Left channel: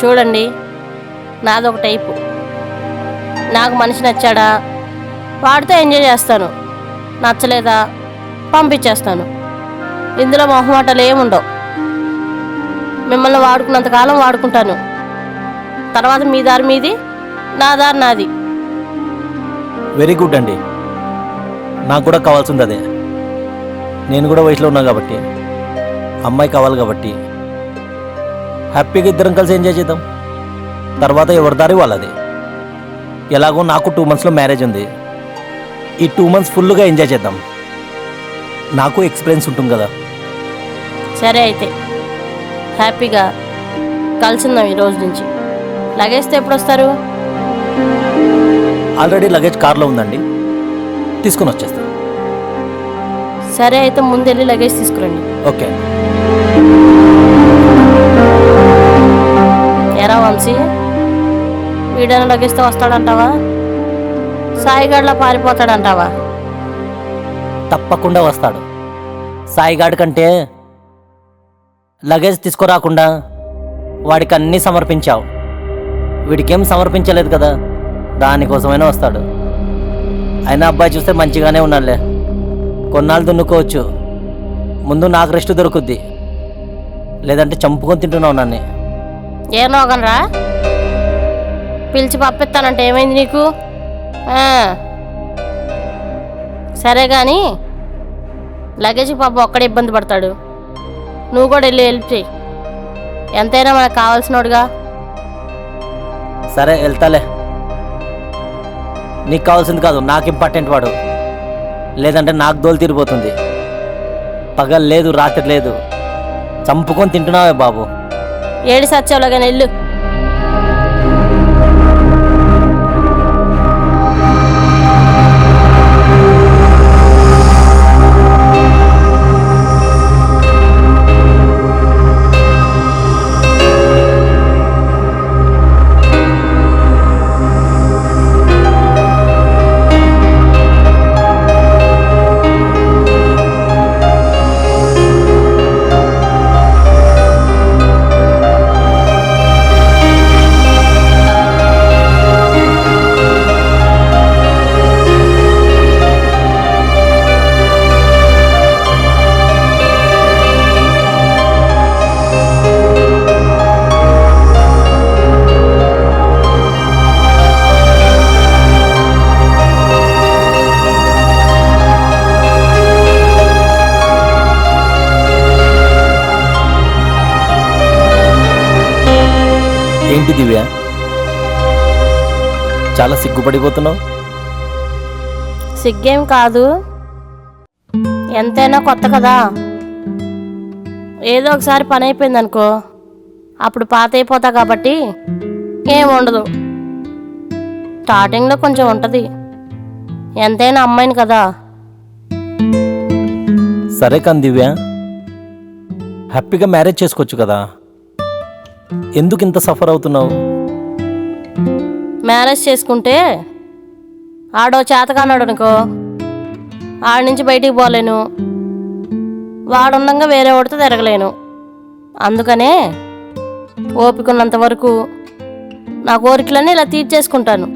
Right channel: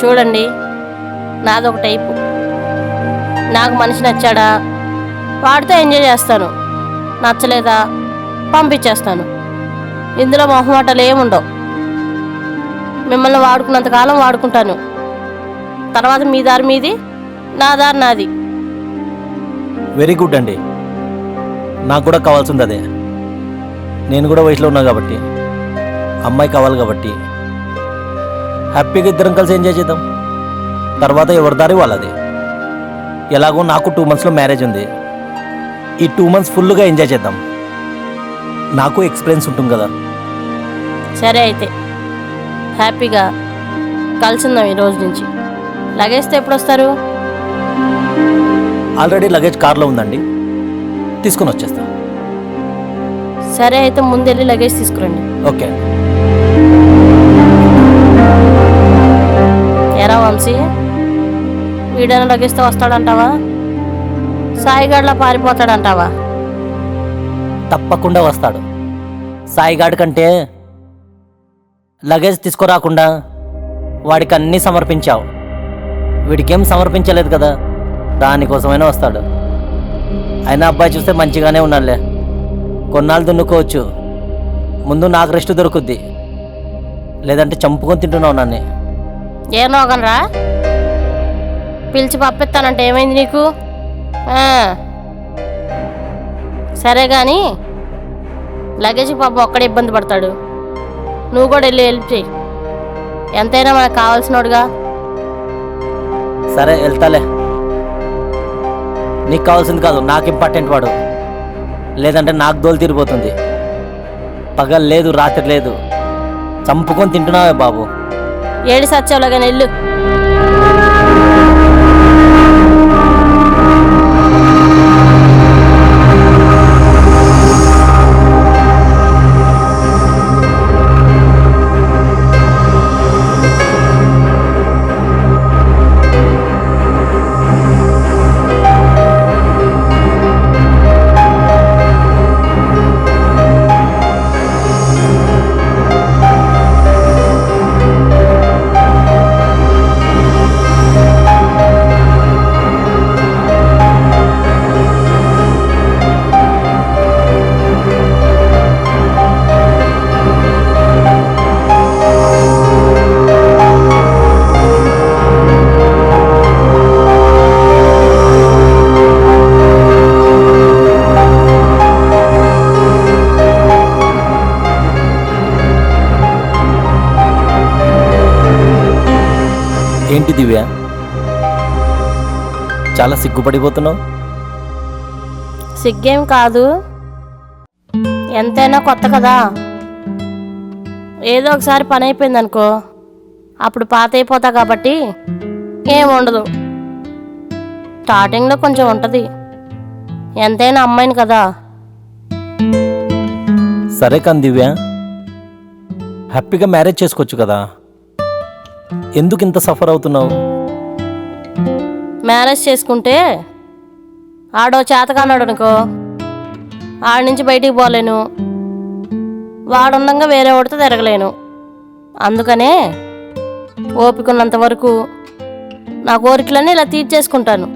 చూడండి, నాదొక టైపు. నాకు మనిషి నచ్చాడా వాడితో ఎంజాయ్ చేస్తాను, నచ్చలేదా పంపించేస్తాను. ఇందులో మొహమాటాలు ఏముండవు. మిమ్మల్ని వాడుకున్నంతకాలం వాడుకుంటాను, తర్వాత మీ దారి మీది, నా దారి నాది. వెరీ గుడ్ అండి. నాకు కూడా కావాల్సింది అదే. నేను కూడా వయసులో ఉన్నా కాబట్టి, అమ్మాయి కావాలి కాబట్టి హ్యాపీగా ఇద్దరం కలిసి ఎంజాయ్ చేద్దాం. తర్వాత ఎవరి దారి వాళ్ళది. ఎలాగో నాకు 2 monthsలో మ్యారేజ్ ఉంది. ఈ 2 months ఫుల్గా ఎంజాయ్ చేద్దాం. నాకు ఎక్స్పీరియన్స్ ఉంటుంది కదా. సరే అయితే హ్యాపీగా కలిసిందాం ఈ రోజు నుంచి. లగేజ్తో ఎప్పుడు వస్తారు? ఆల్రెడీ లగేజ్ కార్లో ఉందండి, తీసుకొని వచ్చేస్తాను. సరే అయితే ముందు వెళ్ళి లగేజ్ తీసుకురండి. ఓకే. ఎరా వంశీ, వీడైనా లగేజ్తో వస్తాడంటావా? సాయిగాడ్లా పారిపోతాడంటావా? తప్పకుండా వస్తాడు. సాయిగాడి కంటే లగేజ్ తీసుకురాకుండా వాడికి అన్నీ సమర్పించావు, వీడికేం సమర్పించలేదు కదా, దానికోసమైనా వస్తాడు. అయినా అబ్బాయి చూస్తే మంచిగానే ఉన్నాడులే, కొన్నాళ్ళు దున్నుకోవచ్చు. ముందు నాకు రెస్ట్ దొరుకుద్ది, లేదంటే చంపుకొని తింటున్నావు నన్ను. ఏనోగనరా, పిలిచి పంపిస్తానంటే ఏమైంది నీకు? సరే కానీ లగేజ్ పాప ఒక్కడే ఇబ్బంది పడతాడు, నువ్వు కూడా వెళ్ళి హెల్ప్ చేయి. ఎంతైనా మనకు కావాల్సినోడుగా. సరే వెళ్తాలే. నీకు కావాల్సింది కాదు, నాకు ఇంపార్టెంట్ వాడు. లేదంటే నాకు దోలు తీరిపోతుంది. పగలు లేదు, రాత్రి లేదు, చంపుకొని తింటున్నావే బాబు. ఏడి సచ్చావులో కానీ వెళ్ళు. ఏంటి దివ్య, చాలా సిగ్గుపడిపోతున్నావు? సిగ్గేం కాదు, ఎంతైనా కొత్త కదా. ఏదో ఒకసారి పని అయిపోయింది అనుకో, అప్పుడు పాత అయిపోతా కాబట్టి ఏం ఉండదు. స్టార్టింగ్లో కొంచెం ఉంటుంది, ఎంతైనా అమ్మాయిని కదా. సరే కానీ దివ్య, హ్యాపీగా మ్యారేజ్ చేసుకోవచ్చు కదా, ఎందుకు ఇంత సఫర్ అవుతున్నావు? మ్యారేజ్ చేసుకుంటే ఆడో చేతకానాడు అనుకో, ఆడి నుంచి బయటికి పోలేను, వాడుండగా వేరే వాడితో తిరగలేను. అందుకనే ఓపికన్నంత వరకు నా కోరికలన్నీ ఇలా తీర్చేసుకుంటాను.